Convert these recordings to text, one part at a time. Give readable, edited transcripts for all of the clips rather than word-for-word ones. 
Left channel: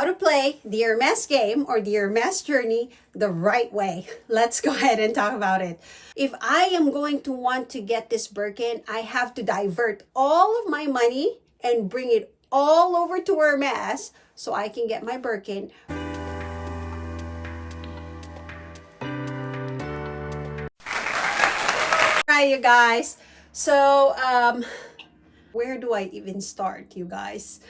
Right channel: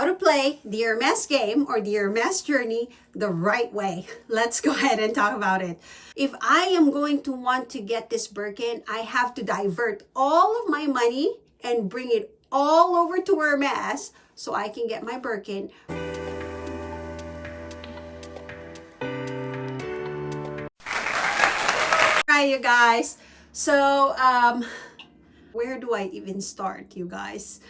how to play the Hermes game or the Hermes journey the right way. Let's go ahead and talk about it. If I am going to want to get this Birkin, I have to divert all of my money and bring it all over to Hermes so I can get my Birkin. Hi, you guys. So, where do I even start, you guys?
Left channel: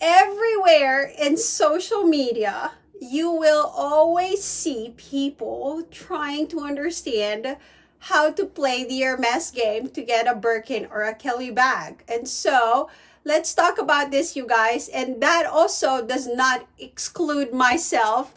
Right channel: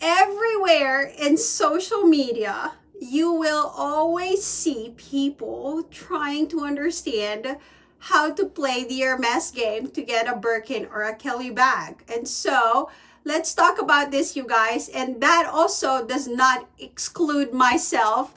Everywhere in social media, you will always see people trying to understand how to play the Hermes game to get a Birkin or a Kelly bag. And so, let's talk about this, you guys. And that also does not exclude myself.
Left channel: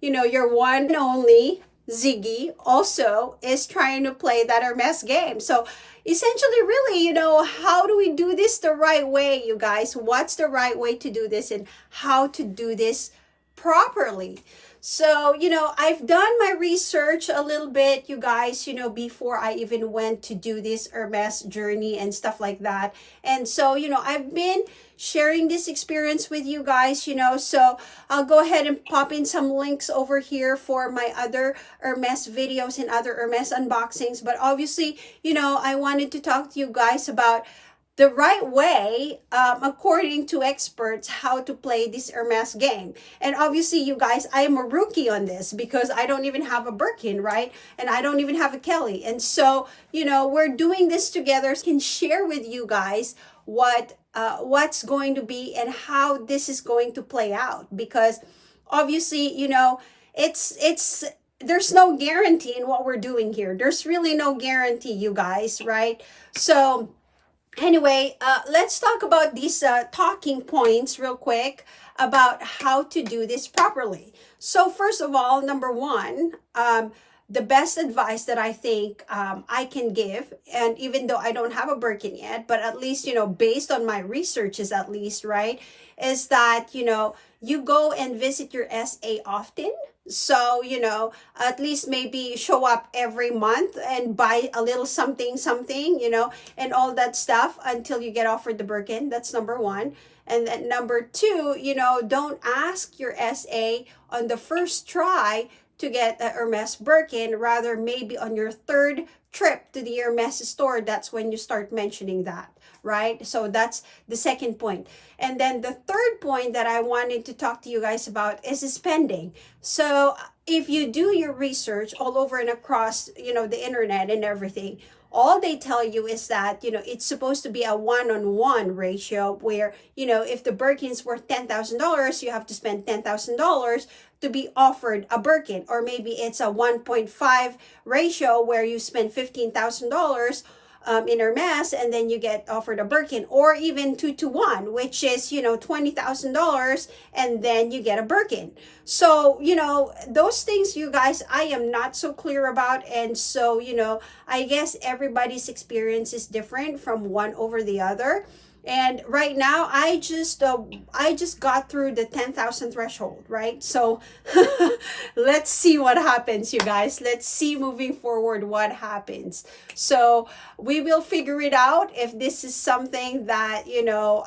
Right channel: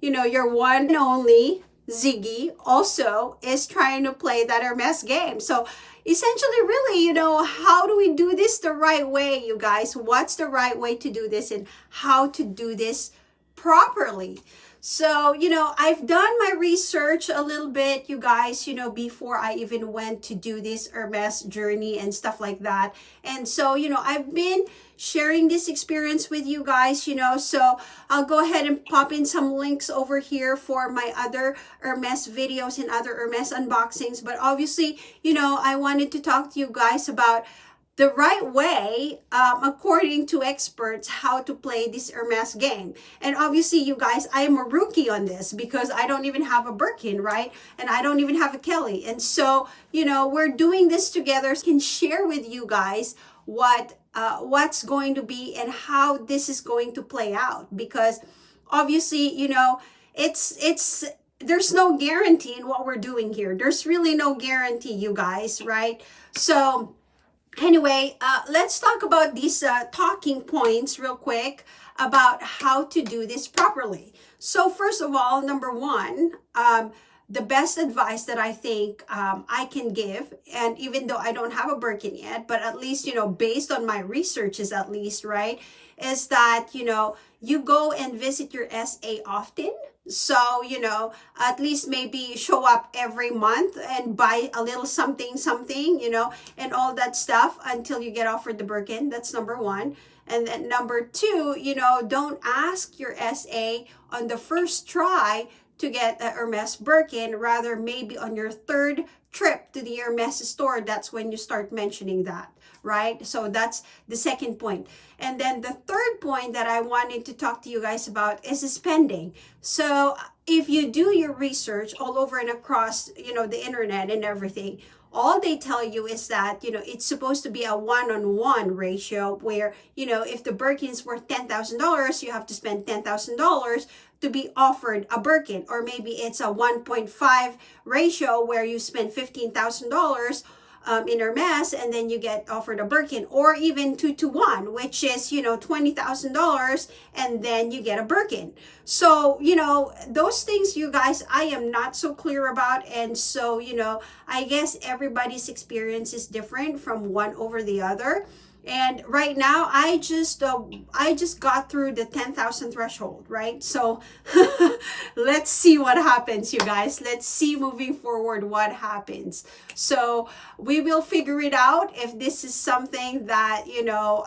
You know, your one and only Ziggy also is trying to play that Hermes game. So essentially, really, you know, how do we do this the right way, you guys? What's the right way to do this and how to do this properly? So, you know, I've done my research a little bit, you guys, you know, before I even went to do this Hermes journey and stuff like that. And so, you know, I've been sharing this experience with you guys, you know, so I'll go ahead and pop in some links over here for my other Hermes videos and other Hermes unboxings. But obviously, you know, I wanted to talk to you guys about the right way, according to experts, how to play this Hermes game. And obviously, you guys, I am a rookie on this because I don't even have a Birkin, right? And I don't even have a Kelly. And so, you know, we're doing this together. I can share with you guys what's going to be and how this is going to play out. Because obviously, you know, there's no guarantee in what we're doing here. There's really no guarantee, you guys, right? So anyway, let's talk about these talking points real quick about how to do this properly. So first of all, number one, the best advice that I think I can give, and even though I don't have a Birkin yet, but at least, you know, based on my researches at least, right, is that, you know, you go and visit your SA often. So, you know, at least maybe show up every month and buy a little something, you know, and all that stuff until you get offered the Birkin. That's number one. And then number two, you know, don't ask your SA on the first try to get a Hermes Birkin. Rather, maybe on your third trip to the Hermes store, that's when you start mentioning that, right? So that's the second point. And then the third point that I wanted to talk to you guys about is spending. So if you do your research all over and across, you know, the internet and everything, all they tell you is that, you know, it's supposed to be a one-on-one ratio where, you know, if the Birkin's worth $10,000, you have to spend $10,000 to be offered a Birkin. Or maybe it's a 1.5 ratio where you spend $15,000 in Hermes and then you get offered a Birkin, or even 2-to-1, which is, you know, $20,000 and then you get a Birkin. So, you know, those things, you guys, I am not so clear about. And so, you know, I guess everybody's experience is different from one over the other. And right now, I just got through the 10,000 threshold, right? So let's see what happens, you guys. Let's see moving forward what happens. So we will figure it out if this is something that, you know,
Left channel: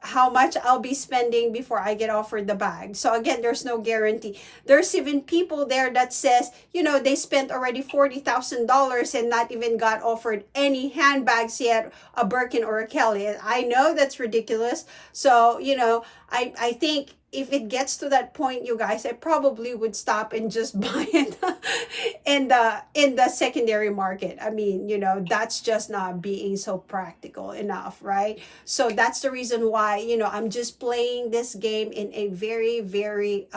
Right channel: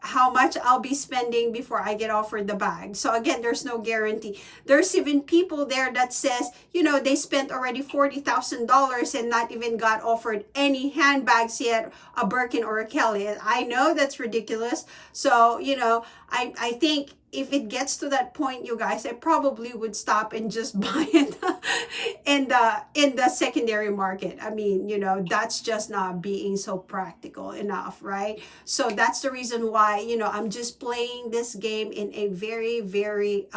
how much I'll be spending before I get offered the bag. So again, there's no guarantee. There's even people there that says, you know, they spent already $40,000 and not even got offered any handbags yet, a Birkin or a Kelly. And I know that's ridiculous. So, you know, I think if it gets to that point, you guys, I probably would stop and just buy it in the secondary market. I mean, you know, that's just not being so practical enough, right? So that's the reason why, you know, I'm just playing this game in a very, very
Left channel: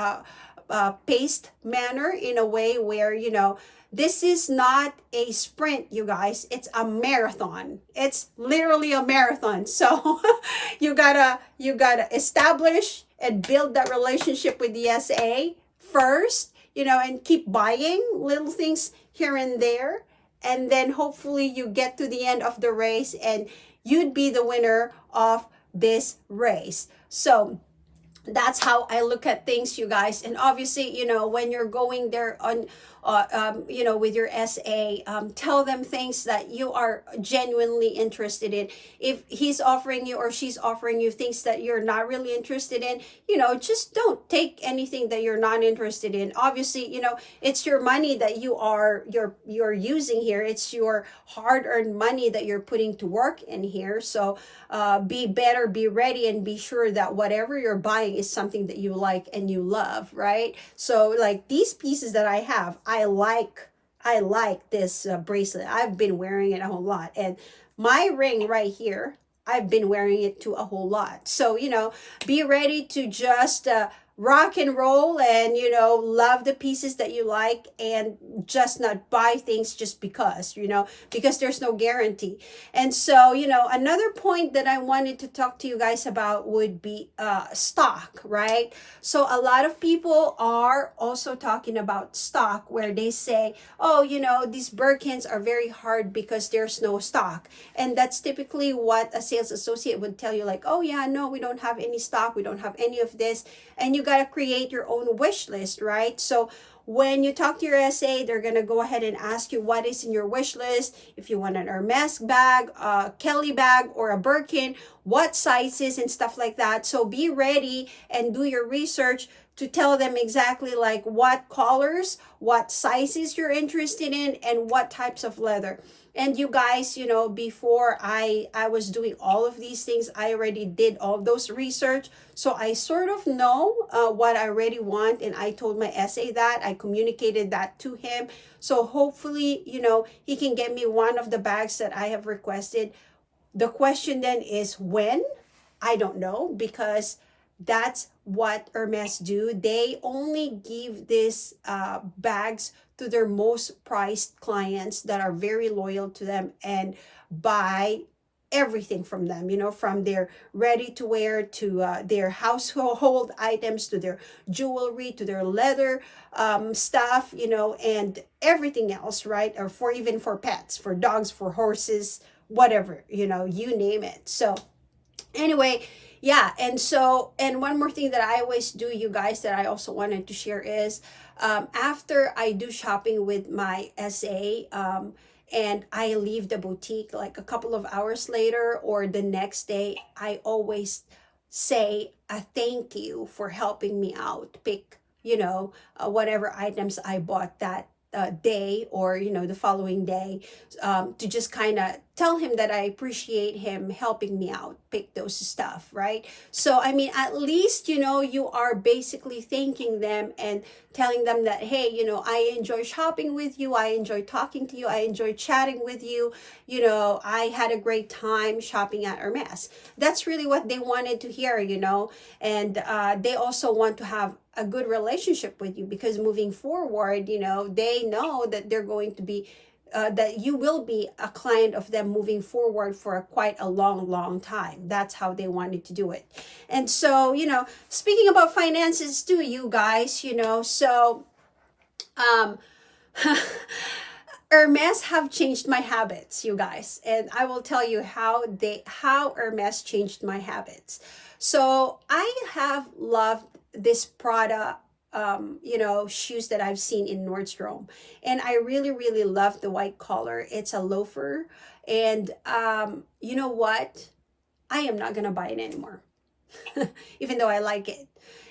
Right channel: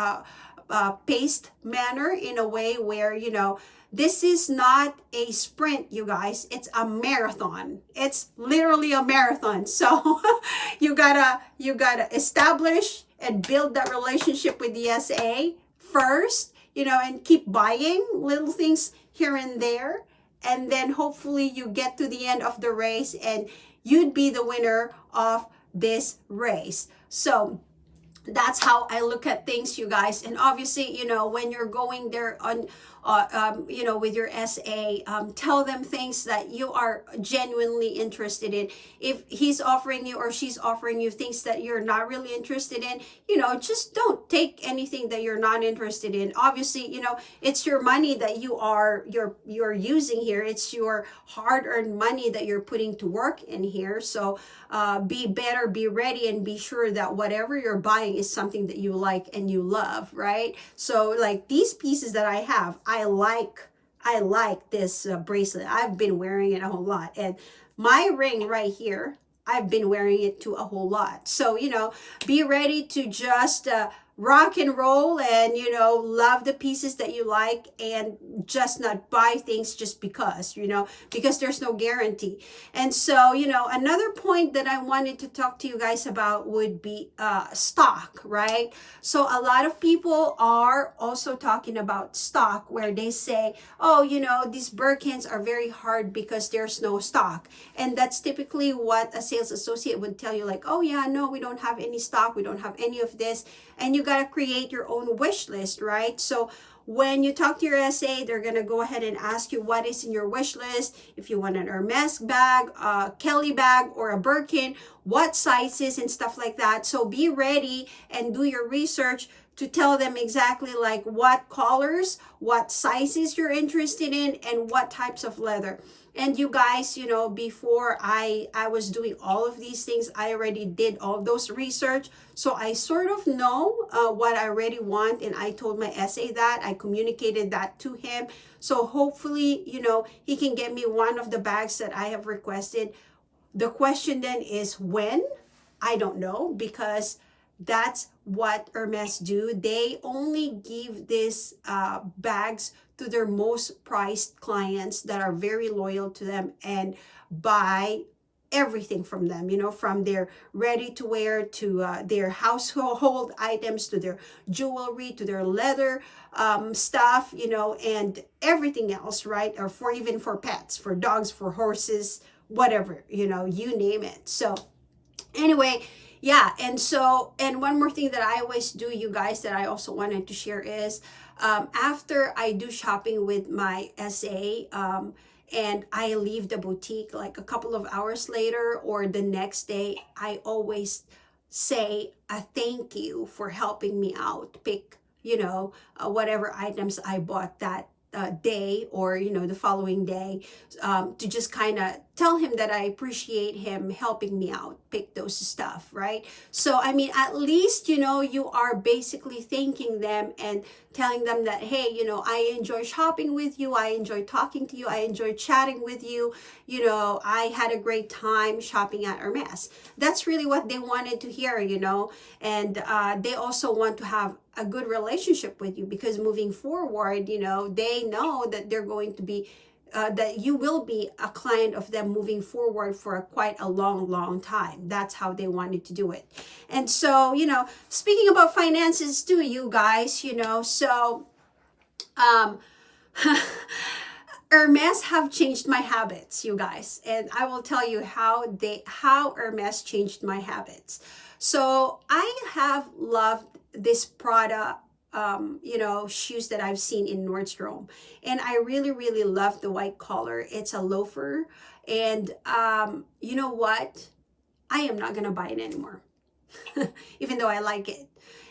paced manner, in a way where, you know, this is not a sprint, you guys. It's a marathon. It's literally a marathon. So you gotta establish and build that relationship with the SA first, you know, and keep buying little things here and there. And then hopefully you get to the end of the race and you'd be the winner of this race. So That's how I look at things, you guys. And obviously, when you're going there on with your SA, tell them things that you are genuinely interested in. If he's offering you or she's offering you things that you're not really interested in, just don't take anything that you're not interested in. Obviously, it's your money that you're using here. It's your hard-earned money that you're putting to work in here. So be better, be ready, and be sure that whatever you're buying is something that you like and you love, right? So like these pieces that I have, I like this bracelet. I've been wearing it a whole lot. And my ring right here, I've been wearing it to a whole lot. So, be ready to just rock and roll and, love the pieces that you like, and just not buy things just because there's no guarantee. And so, another point that I wanted to talk to you guys about would be stock, right? So a lot of people are also talking about stock, where they say, oh, these Birkins are very hard because there's no stock. And that's typically what a sales associate would tell you, like, oh yeah, no, we don't have any stock, we don't have any of this. And you got to create your own wish list, right? So when you talk to your SA, they're going to go ahead and ask you what is in your wish list. If you want an Hermes bag, a Kelly bag, or a Birkin, what sizes and stuff like that. So be ready and do your research to tell them exactly like what colors, what sizes you're interested in, and what types of leather. And you guys, before I was doing all of these things, I already did all those research. So I sort of know what I already want. And I told my SA that. I communicated that to him. So hopefully, he can get me one of the bags that I have requested. The question then is when? I don't know, because that's what Hermes do. They only give these bags to their most prized clients that are very loyal to them and buy everything from them, from their ready to wear to their household items, to their jewelry, to their leather stuff, and everything else, right? Or even for pets, for dogs, for horses, whatever, you name it. So anyway, yeah. And one more thing that I always do, you guys, that I also wanted to share is after I do shopping with my SA, and I leave the boutique like a couple of hours later or the next day, I always say a thank you for helping me out pick, whatever items I bought that day, or the following day, to just kind of tell him that I appreciate him helping me out pick those stuff, right? So I mean, at least you are basically thanking them and telling them that, hey, I enjoy shopping with you, I enjoy talking to you, I enjoy chatting with you, I had a great time shopping at Hermes. That's really what they wanted to hear, and they also want to have a good relationship with you, because moving forward, they know that they're going to be that you will be a client of them moving forward for quite a long time. That's how they wanted to do it. And so, speaking about finances too, you guys, so Hermes have changed my habits, you guys, and I will tell you how Hermes changed my habits. So I have loved this Prada shoes that I've seen in Nordstrom, and I really love the white collar. It's a loafer, and you know what, I am not gonna buy it anymore even though I like it.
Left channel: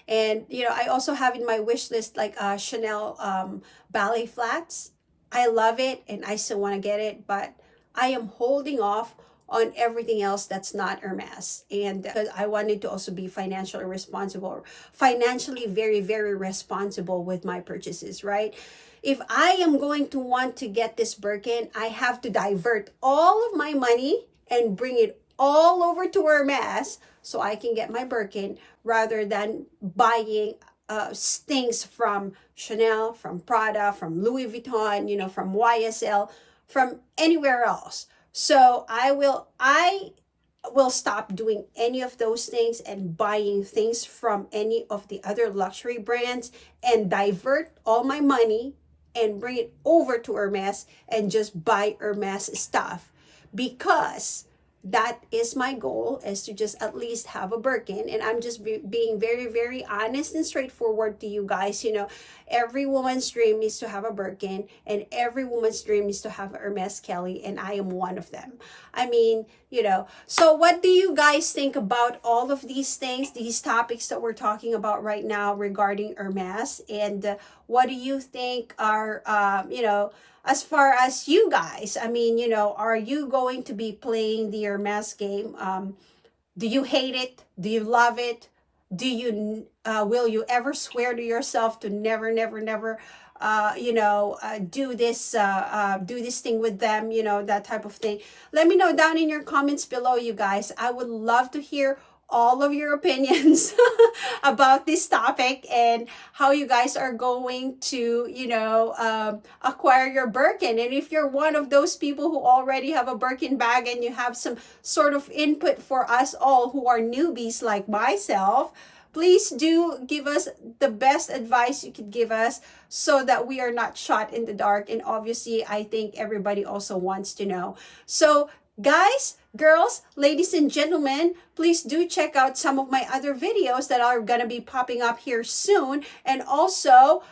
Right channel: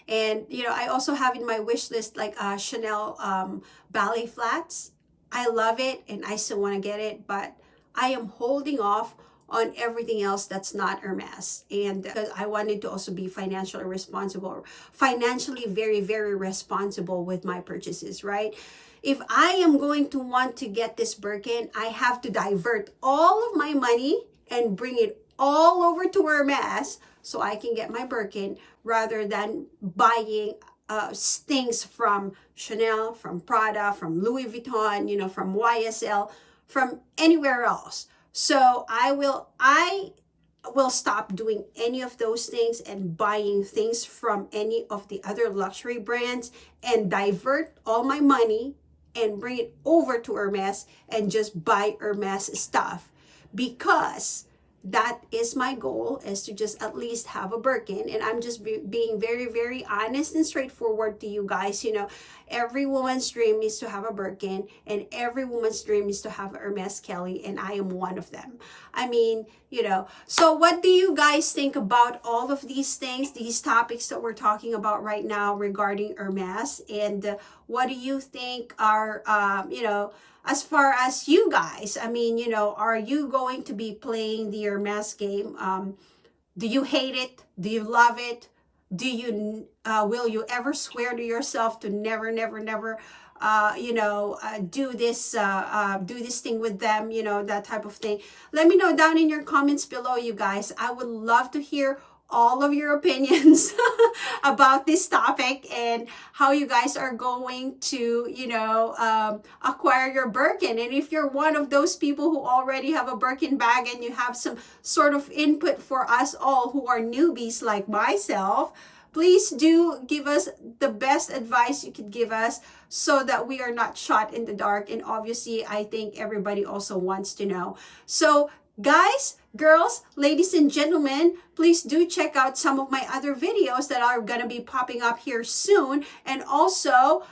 And I also have in my wish list like Chanel ballet flats. I love it and I still want to get it, but I am holding off on everything else that's not Hermes. And because I wanted to also be financially very responsible with my purchases, right? If I am going to want to get this Birkin, I have to divert all of my money and bring it all over to Hermes so I can get my Birkin, rather than buying things from Chanel, from Prada, from Louis Vuitton, from YSL, from anywhere else. So I will stop doing any of those things and buying things from any of the other luxury brands, and divert all my money and bring it over to Hermes and just buy Hermes stuff, because that is my goal, is to just at least have a Birkin. And I'm just being very, very honest and straightforward to you guys. You know, every woman's dream is to have a Birkin, and every woman's dream is to have a Hermes Kelly, and I am one of them. I mean, you know, so what do you guys think about all of these things, these topics that we're talking about right now regarding Hermes? And what do you think are, you know, as far as you guys, I mean, you know, are you going to be playing the Hermes game? Do you hate it? Do you love it? Do you, will you ever swear to yourself to never, never, never, you know, do this thing with them, you know, that type of thing? Let me know down in your comments below, you guys. I would love to hear all of your opinions about this topic and how you guys are going to, you know, acquire your Birkin. And if you're one of those people who already have a Birkin bag and you have some sort of input for us all who are newbies like myself, please do give us the best advice you could give us so that we are not shot in the dark. And obviously, I think everybody also wants to know. So guys, girls, ladies and gentlemen, please do check out some of my other videos that are going to be popping up here soon. And also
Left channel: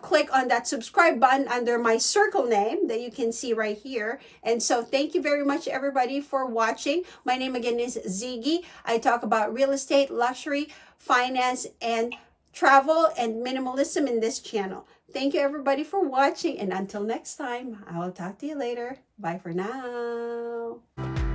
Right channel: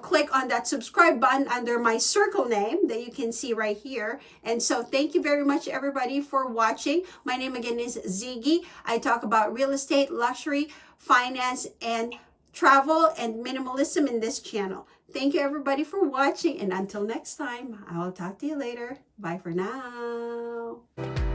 click on that subscribe button under my circle name that you can see right here. And so thank you very much, everybody, for watching. My name again is Ziggy. I talk about real estate, luxury, finance, and travel and minimalism in this channel. Thank you, everybody, for watching. And until next time, I will talk to you later. Bye for now.